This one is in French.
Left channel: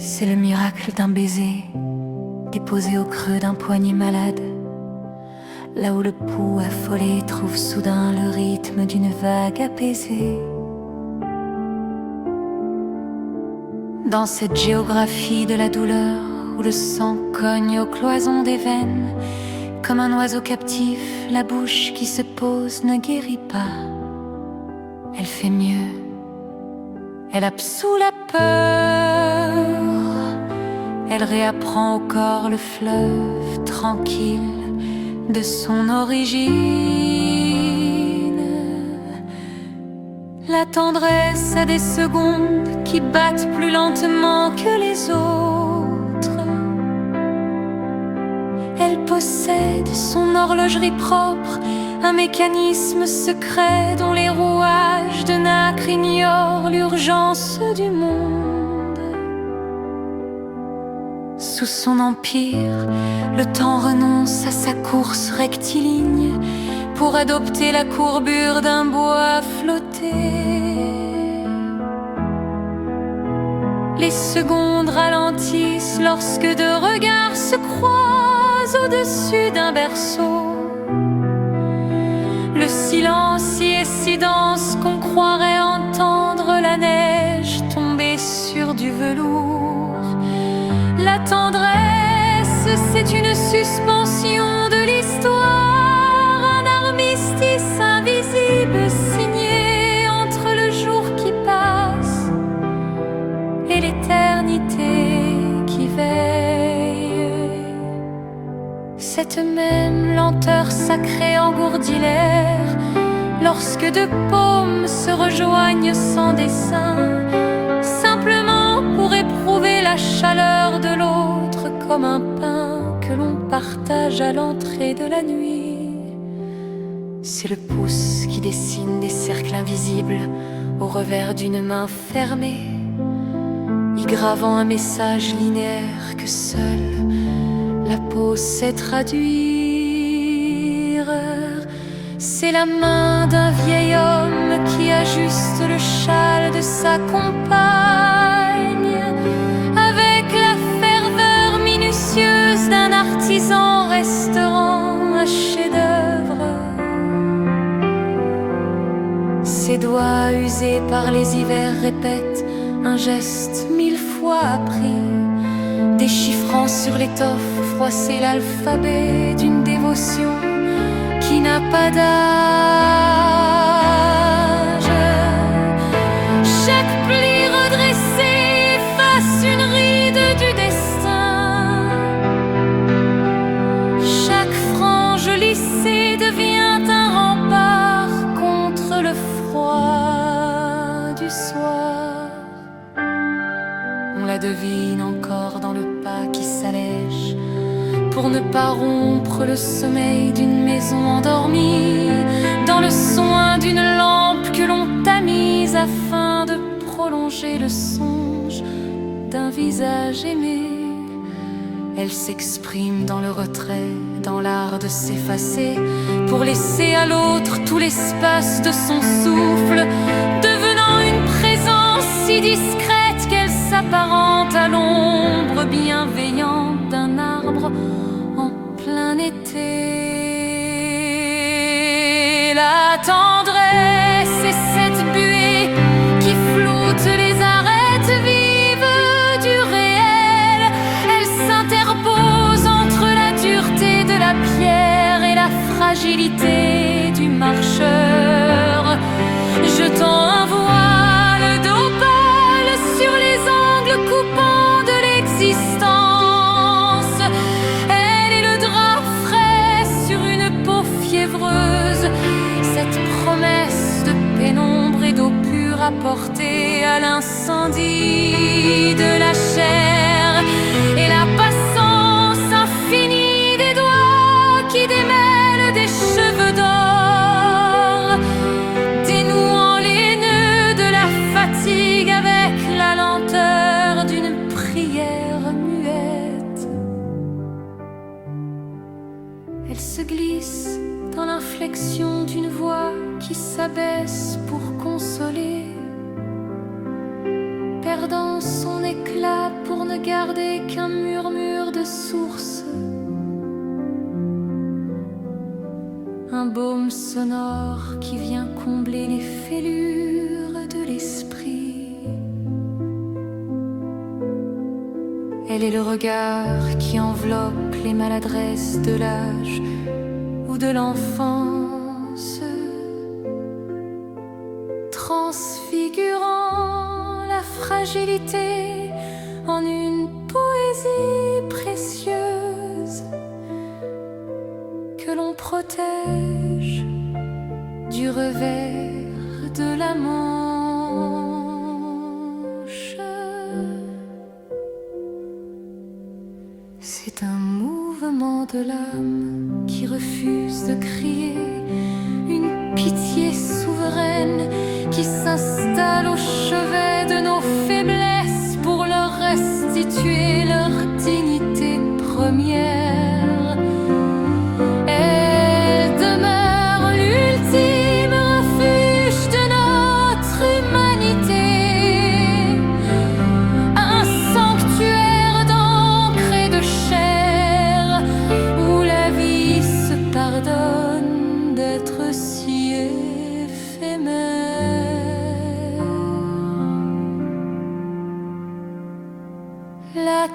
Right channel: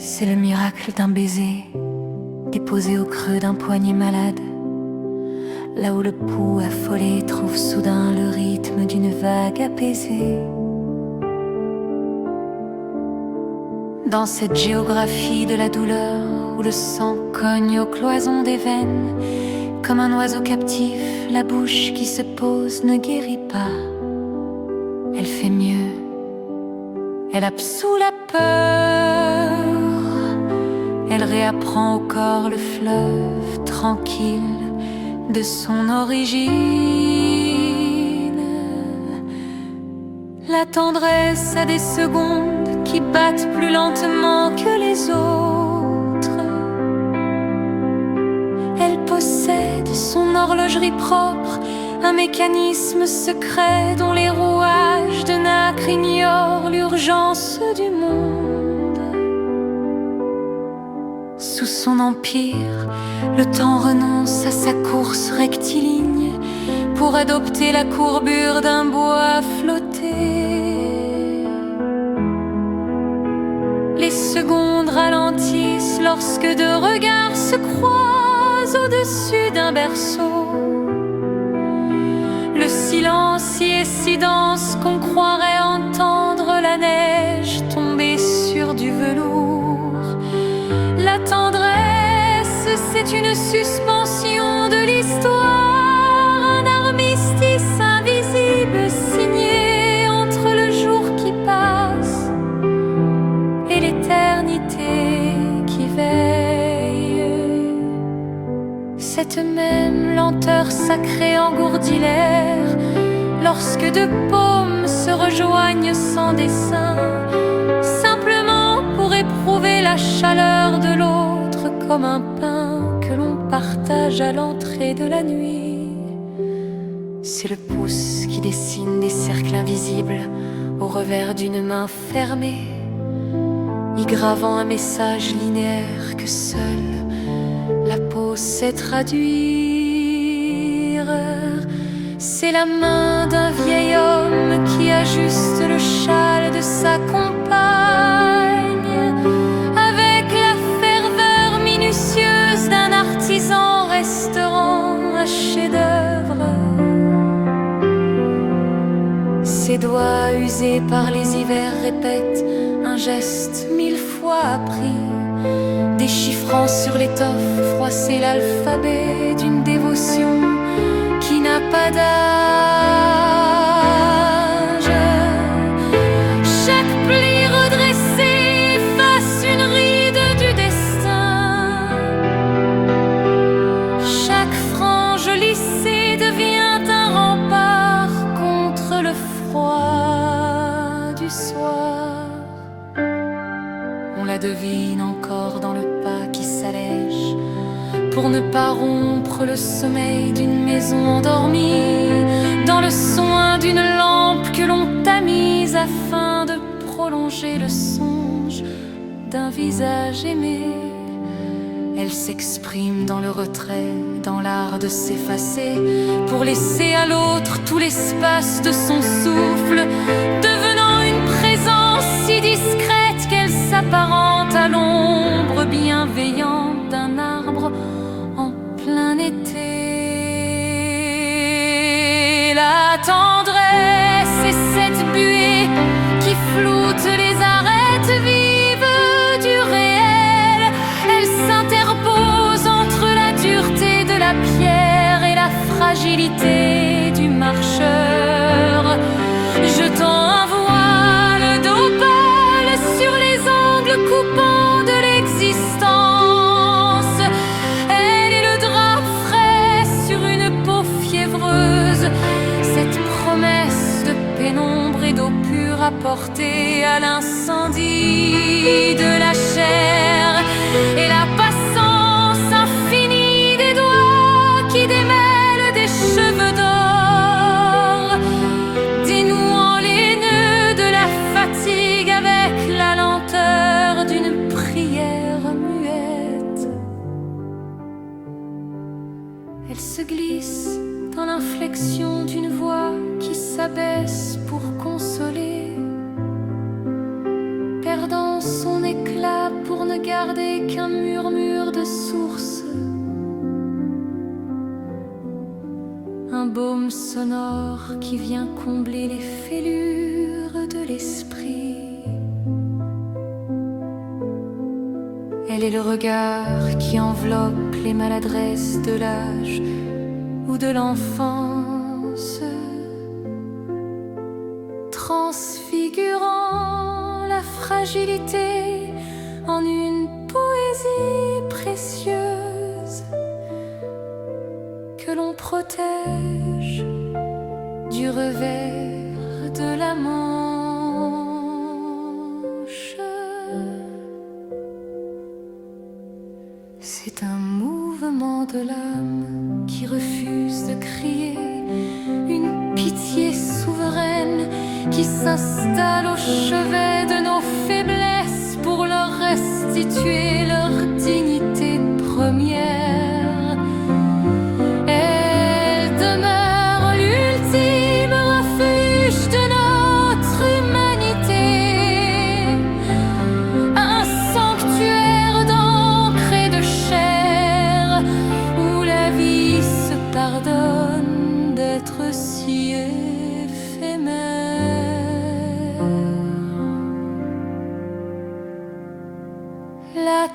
C'est le miracle d'un baiser déposé au creux d'un poignet malade, là où le pouls affolé trouve soudain le rythme d'une vague apaisée. Dans cette géographie de la douleur où le sang cogne aux cloisons des veines, comme un oiseau captif, la bouche qui se pose ne guérit pas. Elle fait mieux, elle absout la peur, elle réapprend au corps le fleuve tranquille de son origine. La tendresse a des secondes qui battent plus lentement que les autres. Elle possède son horlogerie propre, un mécanisme secret dont les rouages de nacre ignorent l'urgence du monde. Sous son empire, le temps renonce à sa course rectiligne pour adopter la courbure d'un bois flotté. Les secondes ralentissent lorsque deux regards se croisent au-dessus d'un berceau. Le silence y est si dense qu'on croirait entendre la neige tomber sur du velours. La tendresse, c'est une suspension de l'histoire, un armistice invisible signé entre le jour qui passe et l'éternité qui veille. Cette même lenteur sacrée engourdit l'air lorsque deux paumes se rejoignent sans dessein, simplement pour éprouver la chaleur de l'autre comme un pain que l'on partage à l'entrée de la nuit. C'est le pouce qui dessine des cercles invisibles au revers d'une main fermée, y gravant un message linéaire que seule la peau sait traduire. C'est la main d'un vieil homme qui ajuste le châle de sa compagne avec la ferveur minutieuse d'un artisan restaurant un chef-d'œuvre. Ses doigts usés par les hivers répètent un geste 1000 fois appris, déchiffrant sur l'étoffe froissée l'alphabet d'une dévotion qui n'a pas d'âge. Chaque pli redressé efface une ride du destin. Chaque frange lissée devient un rempart contre le froid du soir. On la devine encore dans le pas qui s'allège pour ne pas rompre le sommeil d'une maison endormie, dans le soin d'une lampe que l'on tamise afin de prolonger le songe d'un visage aimé. Elle s'exprime dans le retrait, dans l'art de s'effacer, pour laisser à l'autre tout l'espace de son souffle, devenant une présence si discrète qu'elle s'apparente à l'ombre bienveillante d'un arbre en plein été. La tendresse est cette buée qui floute les arêtes vives du réel. Elle s'interpose entre la dureté de la pierre et la fragilité du marcheur, jetant un voile d'opale sur les angles coupants de l'existence. Elle est le drap frais sur une peau fiévreuse, cette promesse de pénombre et d'eau pure apportée à l'incendie de la chair, et la passance infinie des doigts qui démêlent des cheveux d'or, dénouant les nœuds de la fatigue avec la lenteur d'une prière muette. Elle se glisse dans l'inflexion d'une voix qui s'abaisse pour consoler, perdant son éclat pour ne garder qu'un murmure de source, un baume sonore qui vient combler les fêlures de l'esprit. Elle est le regard qui enveloppe les maladresses de l'âge ou de l'enfance, transfigurant la fragilité en une poésie précieuse que l'on protège du revers de la manche. C'est un mouvement de l'âme qui refuse de crier, une pitié souveraine qui s'installe au chevet de nos faiblesses pour leur restituer leur dignité première. Elle demeure l'ultime refuge de notre humanité, un sanctuaire d'encre et de chair où la vie se pardonne d'être si éphémère. La